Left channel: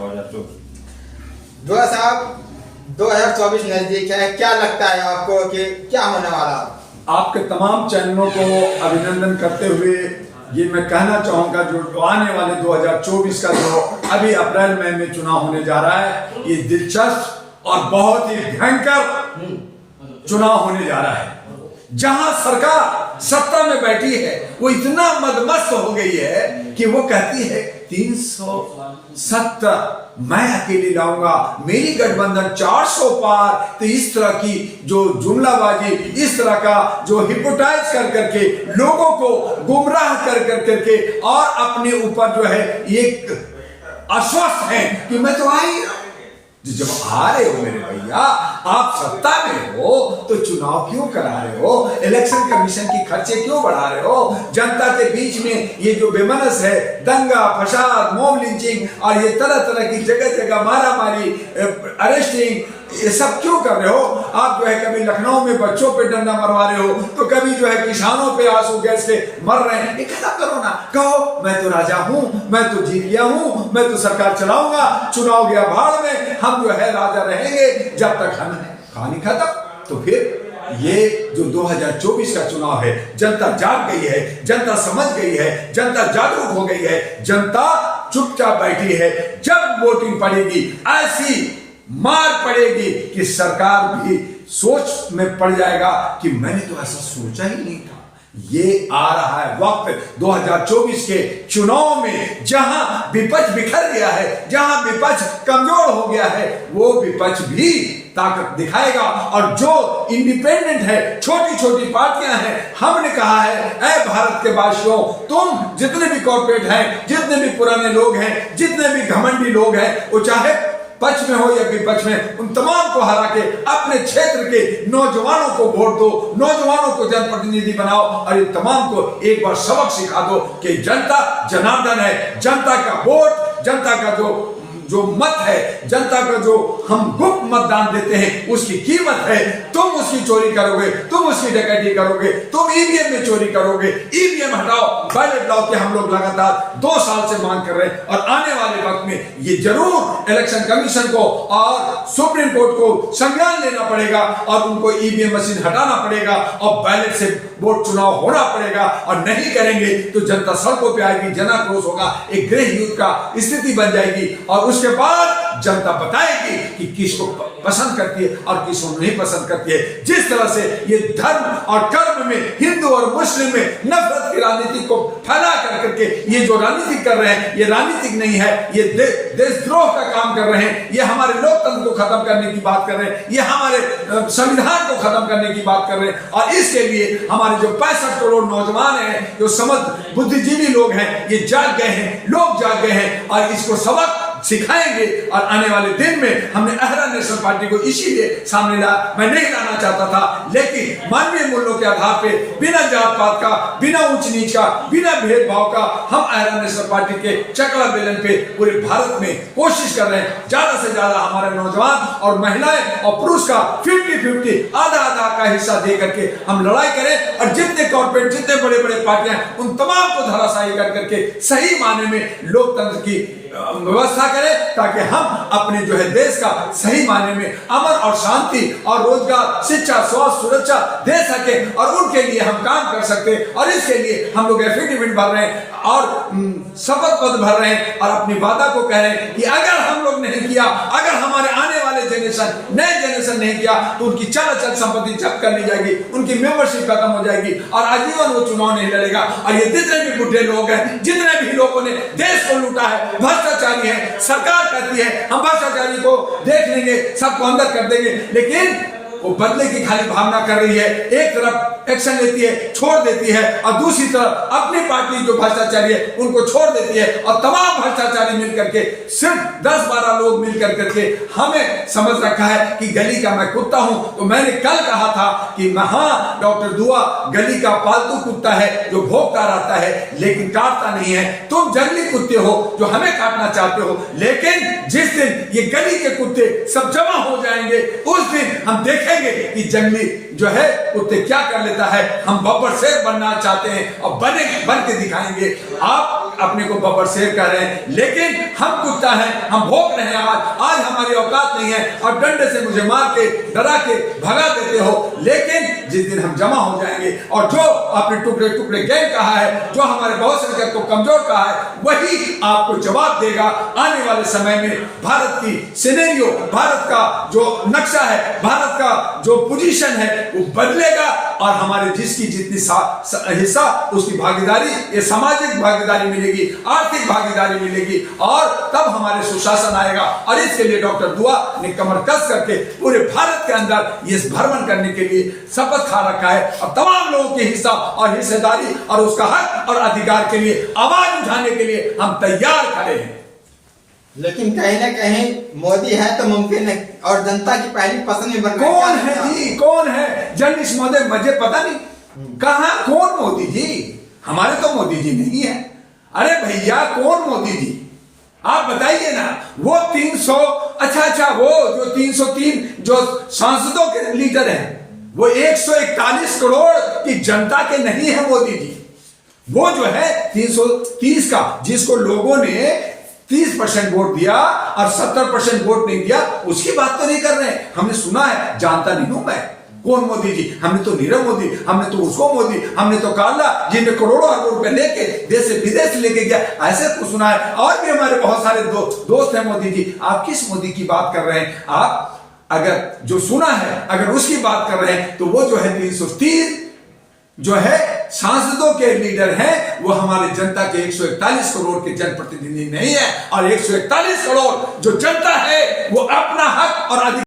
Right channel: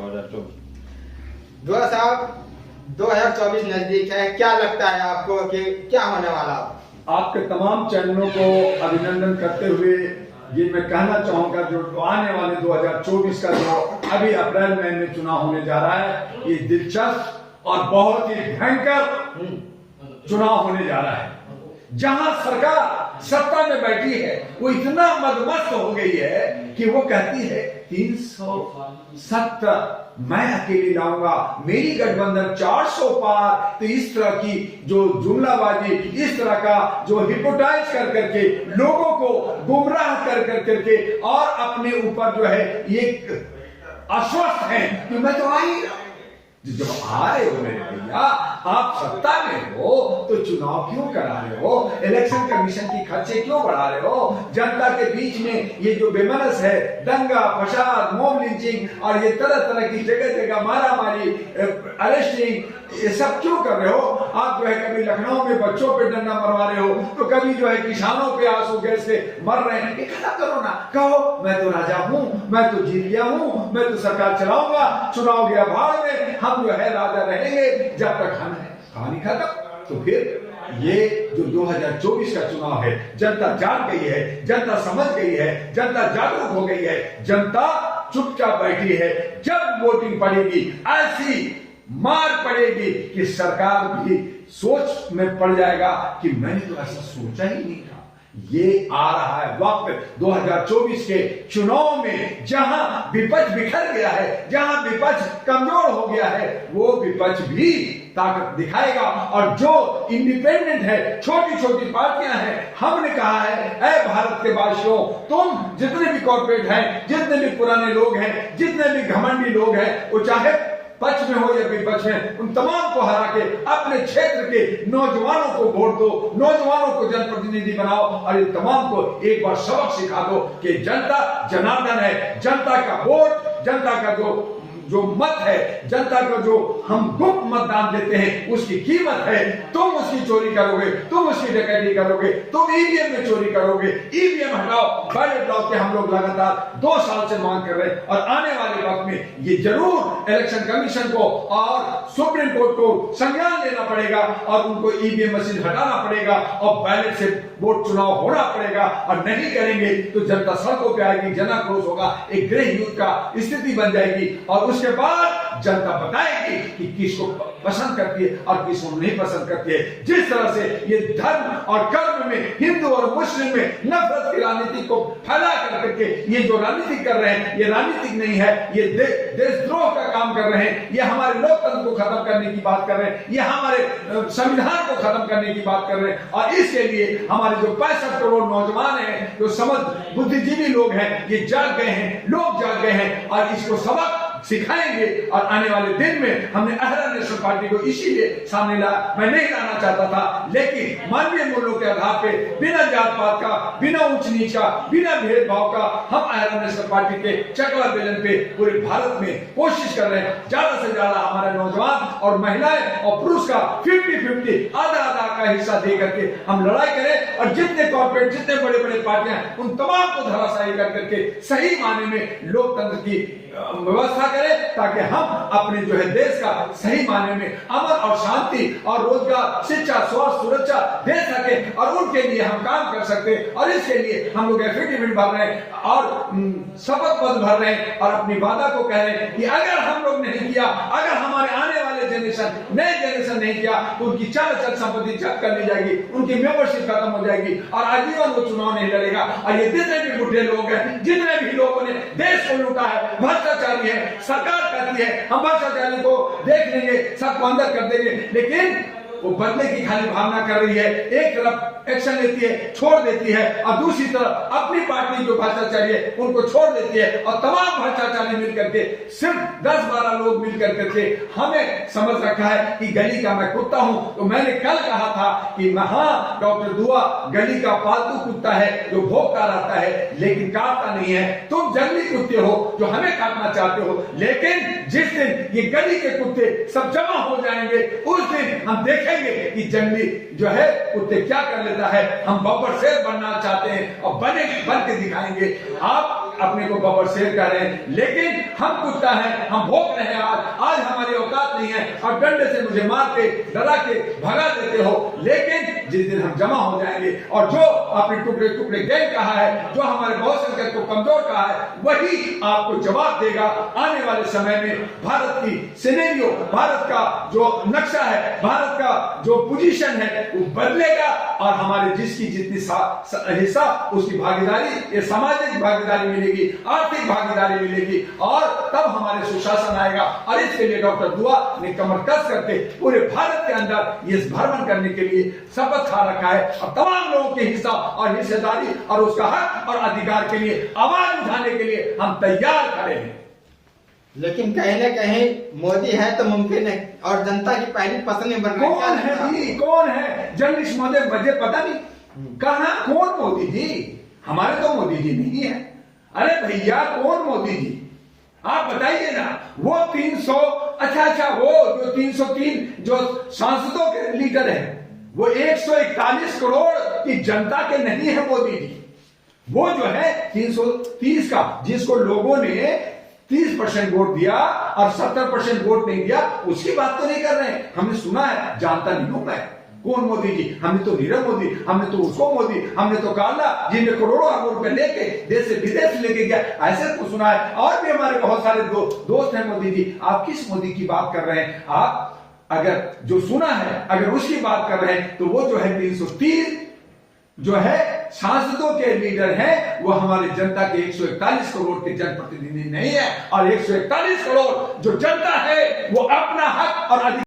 दुआ साहब 2024 नजदीक है, क्या लगता है आपको कि क्या होने वाला? आपके तमाम चैनलों को अभिनंदन करते हुए ये मैं कहना चाहूंगा, जो आने वाले 2024 का जो अभी अप्रैल मई में चुनाव होने जा रहा है, ये दिलचस्प और बहुत ही भयंकर चुनाव होने जा रहा है। जहां सरकार सत्ता में बैठी है वो इतना मदमस्त हो गई है कि वो कहती है 370 मैं अकेले लाऊंगा, मेरी गठबंधन 400 पार। तो इस तरह की जो जुमलाबाजी, इस तरह का जो हिप्नोटाइज कर करके लोगों को गुमराह कर करके और अपने ऊपर जो है ये आश्वस्त है कि मैं तो आई। जब आ रहे हो मेरे भैया, आप सत्ता में हो तो चुनाव क्यों करा रहे हो? इलेक्शन कमीशन की खर्चे क्यों बढ़ा रहे हो? जनता के बीच में ये जो बेमनस है, दंगा फसाद, मॉब लिंचिंग और ये तरह तरह की जगह जगह मारा मारी, अरेस्टिंग, ये सब क्यों कर रहे हो? आप जो है कभी लखनऊ में बच्चों पे डंडा मरवा रहे हो, तो कभी जो है किसानों पे आंसू गैस से मर रहे हैं। ये खत्म करो ना, कहो मैं तो राजा हूं, मैं तो जीत गया हूं, मैं तो सरकार चलाऊंगा, चुनाव गया भाड़ में, हम जो है राजा रहेंगे जब तक हम कहानी खत्म। तो फिर ये जो 2024 का चुनाव है, जनता जाग गई है, जनता समझ गई है, जनता जागरूक हो गई है, जनता चुपचाप बैठी है। जब वोटिंग पड़ेगी ऐसी मार पड़ेगी कि सरकार भी सोच में पड़ जाएगा कि मैंने तो ऐसा सोचा ही नहीं था। ये आ रहा है वक्त 2024 के चुनाव में, जहां विपक्ष बिखर गया है, जहां विपक्ष कमजोर हो गया है, वो विपक्ष भी ताकत दिखाएगा। और जो इंडिपेंडेंट है, छोटी छोटी पार्टियां हैं, हमने कहा है ऐ भारत के वासियों, तुम जितने भी कॉर्पोरेट हैं, जितने भी पुराने लोग हैं, जितने भी घमंडी लोग हैं, वो चाहे पक्ष में हो या विपक्ष में, उन तमाम को हरा के अपने क्षेत्र के नौजवानों को वोट दो, नौजवानों को जनप्रतिनिधि बनाओ और इन तमाम को एक बार सबक सिखा दो कि जनता जनार्दन है, जनता का वोट, जनता का जो मत है, जनता का जो हम गुप्त मतदान देते हैं, उसकी कीमत है। तुम उसकी चोरी करोगे, तुम उसकी डकैती करोगे, तुम ईवीएम में चोरी करोगे, ईवीएम हटाओ, बैलेट लाओ, कि हम लोग लगातार 2 साल से मांग कर रहे हैं। और आने वाले वक्त में ये जरूर इलेक्शन कमीशन को और सुप्रीम कोर्ट को संज्ञान लेना पड़ेगा और उनको ईवीएम मशीन हटाना पड़ेगा और बैलेट से वोट चुनाव होना पड़ेगा। और नहीं करेंगे तो जनता सड़कों पर आएगी, जनाक्रोश होगा, एक गृह युद्ध का स्थिति बन जाएगी और उसके बाद जनता बताएगी कि किसको पसंद करती है और किसको नहीं पसंद करती है। जिस तरह से ये धर्म और कर्म में, हिंदू और मुस्लिम में नफरत की राजनीति को फैला करके ये जो राजनीति कर रहे हैं, ये राजनीतिक नहीं है, ये देशद्रोह का काम कर रहे हैं, ये हमारे लोकतंत्र को खत्म करने की बात कर रहे हैं, ये हमारे संविधान को खत्म करने की बात कर रहे हैं। और इसके लिए हमारे जो 65 करोड़ नौजवान हैं, जो समझ बुद्धिजीवी लोग हैं, ये जाग गए हैं, लोग जाग गए हैं और इसको सबक सिखाएंगे। और आने वाले दिन में हमने अहरा नेशनल पार्टी को इसीलिए सामने लाया, मैं नहीं लाना चाहता था, लेकिन मानवीय मूल्यों के आधार पे, बिना जात पात का, बिना ऊंच नीच का, बिना भेदभाव का, हम अहरा नेशनल पार्टी के चकला बेलन पे पूरे भारत में कोशिश कर रहे हैं ज्यादा से ज्यादा हमारे नौजवान और महिलाएं और पुरुष का 50-50 आधा आधा का हिस्सा दे करके हम लड़ाई करें। और जितने कॉर्पोरेट, जितने बड़े बड़े पार्टियां, उन तमाम को धराशायी कर करके सही माने में लोकतंत्र की व्यवस्था करें, ताकि हम अपने जो है देश का सही मायने में अमन और शांति और रोजगार, शिक्षा, स्वास्थ्य, सुरक्षा दे सके और उनके लिए हम काम कर सकते। और इसके लिए हम लोग एफिडेविट भर रहे हैं और शपथ पत्र भर रहे हैं और अपनी वादा को कह रहे हैं कि अगर हम लोग नहीं किया, अगर हमारे आने वाले जनरेशन, नए जनरेशन नहीं किया, तो उनकी चल संपत्ति जब्त कर ली जाएगी, उनकी मेंबरशिप खत्म हो जाएगी और आजीवन वो चुनाव नहीं लड़ेगा। और ये जितने भी बुढ़े लोग हैं, जितने भी लोगों ने देश को लूटा है, भ्रष्टाचारी है, सरकार कहती है हम भ्रष्टाचारी को देख लेंगे, सबको अंदर कर देंगे, लेकिन वो बदले की खाली भावना कर रही है। एक तरफ एक्शन लेती है, छोड़ देती है, और दूसरी तरफ अपनी पार्टी जो भ्रष्टाचारी है उनको छोड़ देती है। और तमाम भ्रष्टाचारी मिलकर के, सिर्फ 10-12 लोग मिलकर करके हमें समझ रखा है कि गली का मैं कुत्ता हूं। तो मैंने कल कहा था कि हाँ, डॉक्टर दुआ गली का पालतू कुत्ता है जो भौंकता रहता है लेकिन काटता नहीं है। तुम जंगली कुत्ते हो जो हमें काटना चाहते हो, लेकिन जिस दिन ये गली के कुत्ते सब जमा हो जाएंगे, उस दिन हम देखेंगे कि जंगली जो है कुत्ते क्या कर लेता है। हम बब्बर शेर बनना चाहते हैं और बन के दिखाएंगे। आप अपने को बब्बर शेर कह रहे हैं, लेकिन हम कुत्ता हैं, हम भोग रहे हैं। आज हमारी औकात नहीं है और डंडे से मुझे मार के डरा के भगा देते हो, लेकिन जिस दिन हम जमा हो जाएंगे और जो आपने टुकड़े टुकड़े गैंग कहा है, जो हमारे बहुत से को कमजोर कहा है, वही आपको जवाब देगा। आने वाले समय में भारत की सिनेरियो, भारत का जो नक्शा है, भारत का जो पोजीशन है वो बदलेगा और हमारे जिसकी जितनी हिस्सा उसकी भागीदारी, ये सामाजिक भागीदारी मिलेगी, आर्थिक भागीदारी मिलेगी और तब हमारे सुशासन आएगा। और इसके लिए डॉक्टर दुआ ने कमर कस करके पूरे भारत के अंदर ये भ्रमण करने के लिए शपथ खा रखा है और तमाम लोगों के हिस्सा और हिस्सेदारी और उसका हक और अधिकार के लिए आवाज उठाने के लिए हम तैयार खड़े हैं। लेकिन कहीं ना कहीं मोदी है तो मुमकिन है और जनता की पहली पसंद में बनना। कौन है जी, कौन है जर्नलिस्ट महोदय? मुझे पता नहीं कहां कौन मोदी जी। हमारे तो मोदी जी नहीं है। अरे भैया कौन मोदी जी, आप बताइए ना। वो 300 अच्छा वो जो 303 जो सांसदों के लीडर हैं, वो 141 करोड़ की जनता के नहीं है मोदी जी। वो जो है 330 का, जिसको लोगों ने 30% वोट दिया और 70% वोट नहीं दिया, उसकी बात तो नहीं कर रहे हैं। हमने सुना है, जानता नहीं हूं मैं कौन मोदी जी। हमने तो नीरव मोदी, हमने तो उसको मोदी, हमने तो काला जिनमें करोड़ों अरबों रुपए लेके देश से विदेश लेके गया, ऐसे कुछ सुना है। और भी हमारे बहुत सारे दोस्त हैं मोदी जी। आप किस मोदी की बात कर रहे हैं? आप अगर जो सुना है अगर उसकी बात कर रहे हैं तो वो जो है 330 जो है सांसदों के लीडर हैं, वो हमारे जनता के 141 करोड़ के जनप्रतिनिधि नहीं है। और 141 करोड़ जो जनता है वो अपना हक और अधिकार